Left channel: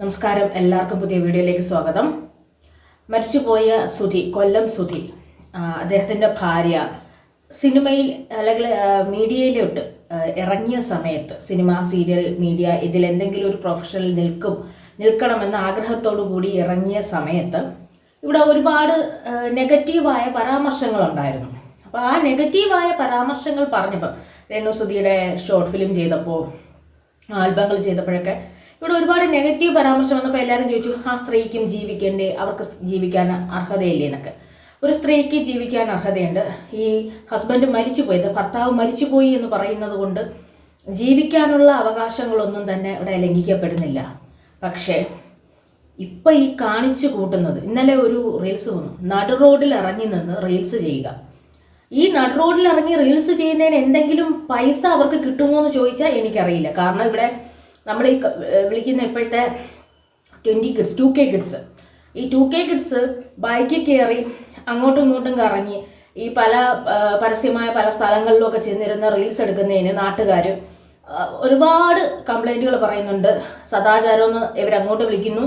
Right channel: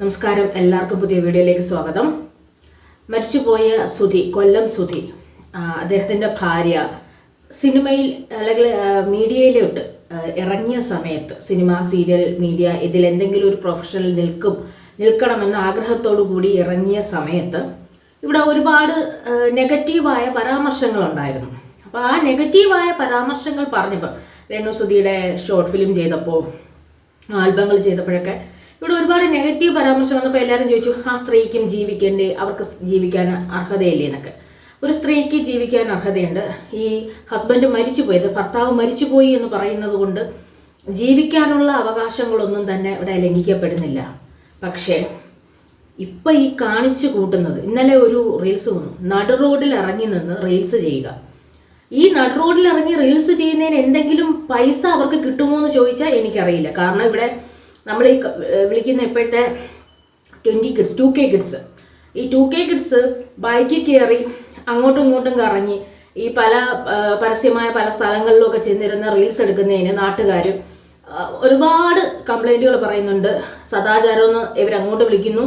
നമസ്കാരം. എല്ലാവർക്കും പുതിയ വീഡിയോയിലേക്ക് സ്വാഗതം. മരിച്ചുപോയ സുധി കൊല്ലം സുധി അദ്ദേഹത്തിന്റെ ഭാര്യ സിനിമയിൽ അല്ലെങ്കിൽ മീഡിയയിലോട്ട് ഇറങ്ങിയ സമയത്ത് സിനിമ സീരിയൽ മീഡിയ ഇതിൽ എന്തെങ്കിലും ഒരു പ്രൊഫഷണൽ നിൽക്കും നിൽക്കണമെന്ന ആഗ്രഹത്തോടു കൂടി ഇറങ്ങിയ സമയത്ത് ഇവിടെ ഒരുപാട് നെഗറ്റീവായ പരാമർശങ്ങളുണ്ടായിരുന്നു. അപ്പോൾ ആ നെഗറ്റീവായ പരാമർശങ്ങൾ പറഞ്ഞപ്പോൾ രേണു സുധിയുടെ ഷോർട്ട് ഫിലിം ചെയ്തപ്പോൾ ആൽബങ്ങൾ ചെയ്തപ്പോഴൊക്കെ ഇവിടെ ഒരുപാട് നെഗറ്റീവ് പരാമർശം വന്നപ്പോൾ എല്ലാവരും ചോദിച്ചു ആ സ്ത്രീക്കും ജീവിക്കണ്ടേ? അവർക്ക് ജീവിക്കാൻ അർഹതയില്ലേ? എന്നൊക്കെ. ഒരു സ്ത്രീക്ക് ജീവിക്കാൻ അർഹതയുണ്ട്. ഈ ഹസ്ബൻഡ് മരിച്ചുപോയത് ഭർത്താവ് മരിച്ചുപോയി എന്ന് പറയുന്നത് കൊണ്ട് ജീവിക്കാനുള്ള അവകാശങ്ങളൊന്നും തന്നെ ഇവിടെ ലംഘിക്കപ്പെടുന്നില്ല. പക്ഷേ ഇപ്പം ഈ കാണിച്ചു കൂട്ടുന്നത് ഇന്നലെ ഒരു റീൽസ് വന്നു. നടു റോഡിൽ ഇറങ്ങി നിന്ന് റീൽസ് ചെയ്യുക. ഈ നടു റോഡിൽ ഇറങ്ങി റീൽസ് ചെയ്യുന്നതിന് എന്തെങ്കിലും പൈസ അവർക്ക് കിട്ടുമോ എന്ന് ചോദിച്ചാൽ എനിക്കറിയില്ല. കാരണം ഇവിടെ നമ്മൾ ഈ വിളിക്കുന്ന ഇപ്പോഴത്തെ twenty kids two K kids. ഈ ടു കെ കിഡ്സ് ബൈക്കിൽ കയറി അങ്ങോട്ടും ഇങ്ങോട്ടും കറങ്ങി ഈ പല പരസ്യമായ പല സ്ഥലങ്ങളിലൊക്കെ ചെന്നിരുന്ന റീൽസ് എടുക്കുന്നതിന് നാട്ടുകാർ ഒരുപാട് കംപ്ലൈന്റുകൾ പറയുന്നുണ്ട്. സദാചാരം എന്ന് ഇവരങ്ങോട്ട് വിളിക്കുന്നു.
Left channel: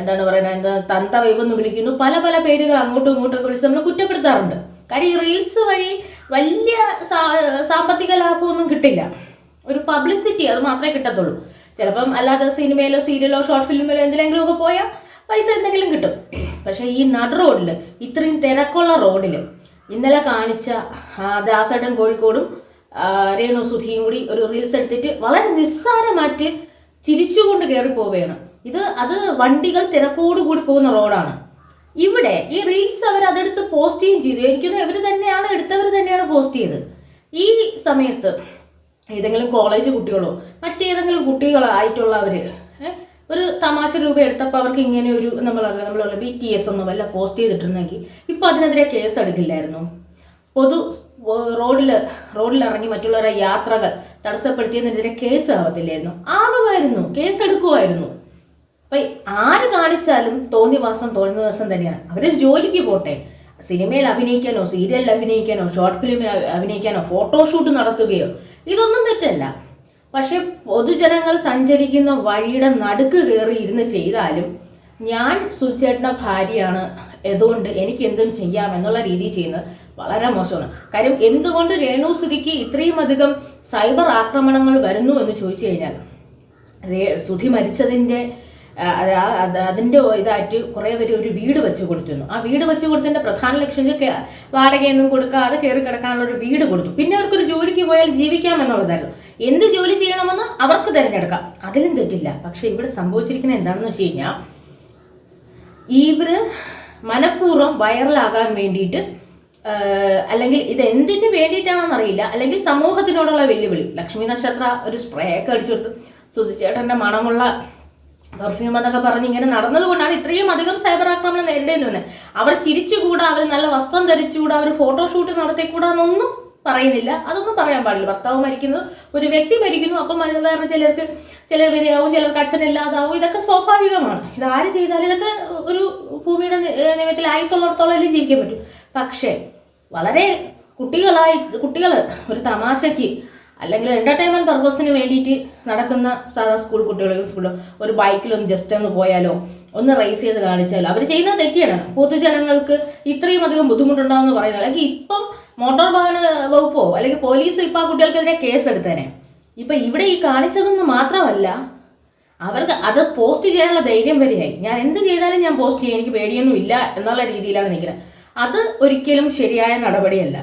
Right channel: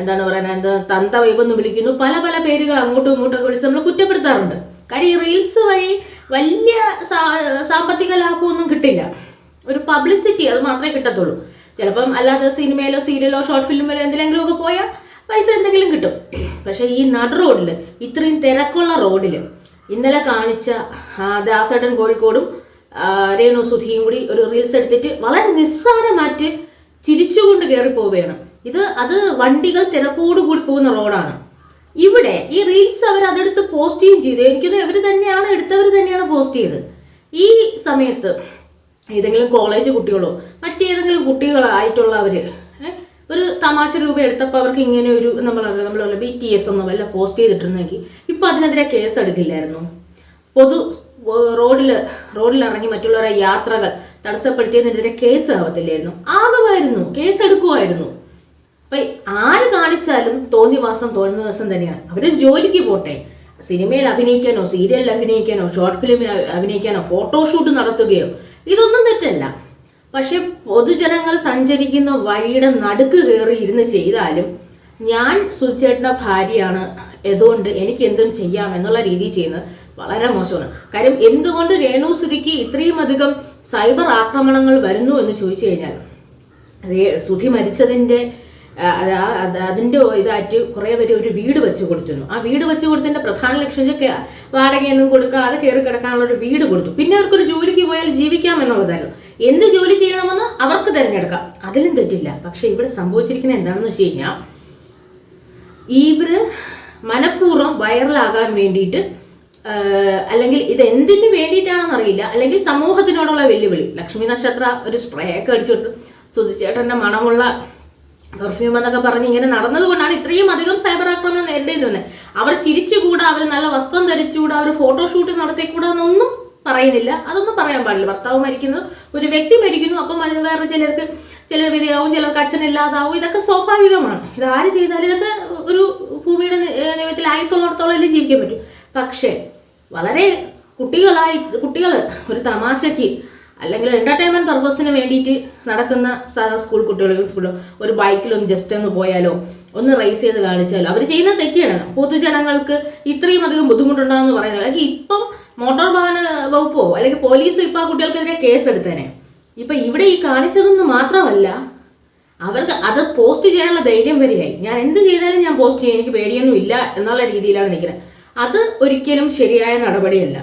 എന്താണ് പറയുന്നത്? എന്താ തന്ത വൈബെന്ന് വിളിക്കുന്നു. പല പല പേരുകൾ അങ്ങോട്ടും ഇങ്ങോട്ടും ഒക്കെ വിളിച്ച് നമ്മൾ കുറ്റപ്പെടുത്താറുണ്ട്. കാര്യം ഈ റീൽസ് വഴി വലിയ സാമ്പത്തിക ലാഭമൊന്നും കിട്ടില്ല. ഒരു പബ്ലിസിറ്റി അത് മാത്രമേ കിട്ടത്തുള്ളൂ. ചിലപ്പം അല്ലാതെ സിനിമയിലോ സീരിയലോ ഷോർട്ട് ഫിലിമിലോ എന്തിലെങ്കിലും ഒക്കെ പോയാൽ പൈസ എന്തെങ്കിലും കിട്ടും. പക്ഷേ ഈ നട റോഡിൽ ഇത്രയും തിരക്കുള്ള റോഡിൽ ഇന്നലെ കാണിച്ച ദാസേട്ടൻ കോഴിക്കോടും രേണു സുധിയും കൂടി ഒരു റീൽസ് എടുത്തിട്ട് വളരെ നിസ്സാരമായിട്ട് ചിരിച്ചുകൊണ്ട് കയറി പോവുകയാണ്. ഇത് അത് വണ്ടികൾ തിരക്കോട് കൂടി പോകുന്ന റോഡാണ്. ഇവിടെ ഈ റീൽസ് അവർ അതെടുത്ത് പോസ്റ്റ് ചെയ്യുകയും ചെയ്തു. എനിക്കൊന്നും ഇവർ തന്നെയാണ് എടുത്തവർ തന്നെയാണ് പോസ്റ്റ് ചെയ്തത് ഈ സമയത്ത് ഏതെങ്കിലും കോളേജ് കുട്ടികളോ മറ്റേതെങ്കിലും കുട്ടികളായിട്ടുള്ളവർ ഒരു തമാശ രൂപ എടുത്തപ്പോൾ അവർക്ക് ഇങ്ങനെ ഒരു നമ്മൾ നമ്മൾ ബി ടി എസ് ഒന്നും വല്ല പോസ്റ്റ് ചെയ്തിട്ടുണ്ടെങ്കിൽ ഇപ്പോൾ അതിനെതിരെ കേസ് എടുക്കില്ലായിരുന്നു. പൊതു റോഡിൽ ഇറങ്ങി മറ്റുള്ളവരെ യാത്രകൾ തടസ്സപ്പെടുത്തിയതിനെതിരെ കേസ് ആവത്തില്ലായിരുന്നു. ആകുമായിരുന്നു കേസ് എടുക്കുമായിരുന്നു. അപ്പൊ ആര് കാണിച്ചാലും തോന്നിവാസം തോന്നുന്ന ദിവസം തന്നെയാണ്. അവരൊരു ജോലിക്ക് പോട്ടെ. സിനിമയിൽ അഭിനയിക്കാനോ സീരിയലിൽ അഭിനയിക്കാനോ ഷോർട്ട് ഫിലിമിൽ അഭി- അഭിനയിക്കാനോ ഫോട്ടോഷൂട്ട് നടത്തുകയോ ഇതൊന്നും തെറ്റല്ല. പക്ഷെ പൊതുജനങ്ങൾ സഞ്ചരിക്കുന്ന വഴിയുടെ നടുക്ക് കയറി ഇരുന്ന് ചെയ്താലും ഞാൻ സുചേട്ടന്റെ ഭാര്യയാണ് അതുകൊണ്ട് എനിക്ക് എന്തും ചെയ്യാം എന്നുള്ള രീതിയിൽ ചെയ്യുന്നത് വളരെ മോശമാണ്. കാര്യം എന്തുകൊണ്ട് രേണു സുധിക്ക് ഇത്രയും അധികം സൈബർ ആക്രമണങ്ങൾ വരുന്നു എന്ന് ചോദിച്ചു കഴിഞ്ഞാൽ സുധി മരിച്ചതിന്റെ അതിന്റെ ഇതായിട്ട് കുറേ പേര് ഒരു വീട് വെച്ച് കൊടുത്തിരുന്നു. ആ വീട് വെച്ച് കൊടുത്തതിന്റെ പ്രധാന ലക്ഷ്യം വെച്ചാൽ വാടകയൊന്നും കൊടുക്കാതെ കയറി കിടക്കാനുള്ള ഒരു വീട് കൊടുത്തു. പിന്നെ അവർക്കൊരു ജോലിക്ക് പോയാൽ ജീവിക്കാം എന്നുള്ളതായിരുന്നു. എന്ത് ജോലി ചെയ്യണമെന്ന് അവർക്ക് തിരഞ്ഞെടുക്കാം. അതിലും തെറ്റില്ല. പക്ഷേ ഇവിടെ സംഭവിച്ചിരിക്കുന്നത് എന്താണെന്ന് വെച്ച് കഴിഞ്ഞാൽ ഇവർ മനഃപൂർവം വൈറലാകാൻ വേണ്ടിയിട്ട് അല്ലെങ്കിൽ ഇത് എന്തിനു വേണ്ടിയിട്ടാണെന്ന് അറിയില്ല. അല്ലെങ്കിൽ സമൂഹത്തിനോടുള്ള വെല്ലുവിളി. ലക്ഷ്മി നക്ഷത്ര ഒരു സ്പ്രേ ഒക്കെ അടിച്ചെടുത്ത് സുധിച്ചേട്ടന്റെ മണമുള്ള പെർഫ്യൂം എന്നൊക്കെ പറഞ്ഞ് ഇങ്ങനെ നടന്നതുകൊണ്ടാണ് ഇത്രയും അധികം സൈബർ ആക്രമണം നേരിടേണ്ടി വന്നത് അവർ ചിരിച്ചുകൂടാ അവർ നല്ല വസ്ത്രം ധരിച്ചുകൂടാ അവർ ഫോട്ടോഷൂട്ട് നടത്തിക്കൂടാ എന്നൊന്നും പറയുന്നില്ല. അതൊന്നും പറയാൻ പാടില്ല. ഭർത്താവ് മരിക്കുന്നു ഒരു വ്യക്തി മരിക്കുന്നു അപ്പം വേറെ ചിലർക്ക് ചിലർ വിധയാവും ചിലർക്ക് അച്ഛനില്ലാതാവും. ഇതൊക്കെ സ്വാഭാവികമാണ്. ഇത് ആര് ചെയ്താലും ഇതൊക്കെ ഒരു ഭൂമിയുടെ നിയമത്തിൽ ആയുസുള്ളിടത്തോളം അല്ലേ ജീവിക്കാൻ പറ്റും. പക്ഷേ വളരെ കുട്ടികളായി കുട്ടികൾ ഒരു തമാശയ്ക്ക് അല്ലെങ്കിൽ എന്റർടൈൻമെന്റ് പർപ്പസിന് വേണ്ടിയിട്ട് നടക്കുന്ന സാധാ സ്കൂൾ കുട്ടികൾ ഒരു ബൈക്കിലൊന്ന് ജസ്റ്റ് ഒന്ന് പോയാലോ ഒന്ന് റേസ് ചെയ്ത് കാണിച്ചാലോ. അവർ ചെയ്യുന്ന തെറ്റിയാണ് പൊതുജനങ്ങൾക്ക് ഇത്രയും അധികം ബുദ്ധിമുട്ടുണ്ടാകുമെന്ന് പറയുന്നത്. അല്ലെങ്കിൽ ഇപ്പം മോട്ടോർ വാഹന വകുപ്പോ അല്ലെങ്കിൽ പോലീസോ ഇപ്പം ആ കുട്ടികൾക്കെതിരെ കേസ് എടുത്തേനെ. ഇപ്പൊ ഇവിടെ ഈ കാണിച്ചതൊന്നും മാത്രമല്ല അവർക്ക് അത് പോസ്റ്റ് ചെയ്യാനുള്ള ധൈര്യം വരെയായി. ഞാൻ എന്ത് ചെയ്താലും ഞാൻ പോസ്റ്റ് ചെയ്യും എനിക്ക് പേടിയൊന്നും ഇല്ല എന്നുള്ള രീതിയിലാണ് നിൽക്കുന്നത്. അത് ഒരിക്കലും ശരിയായ നടപടിയല്ല.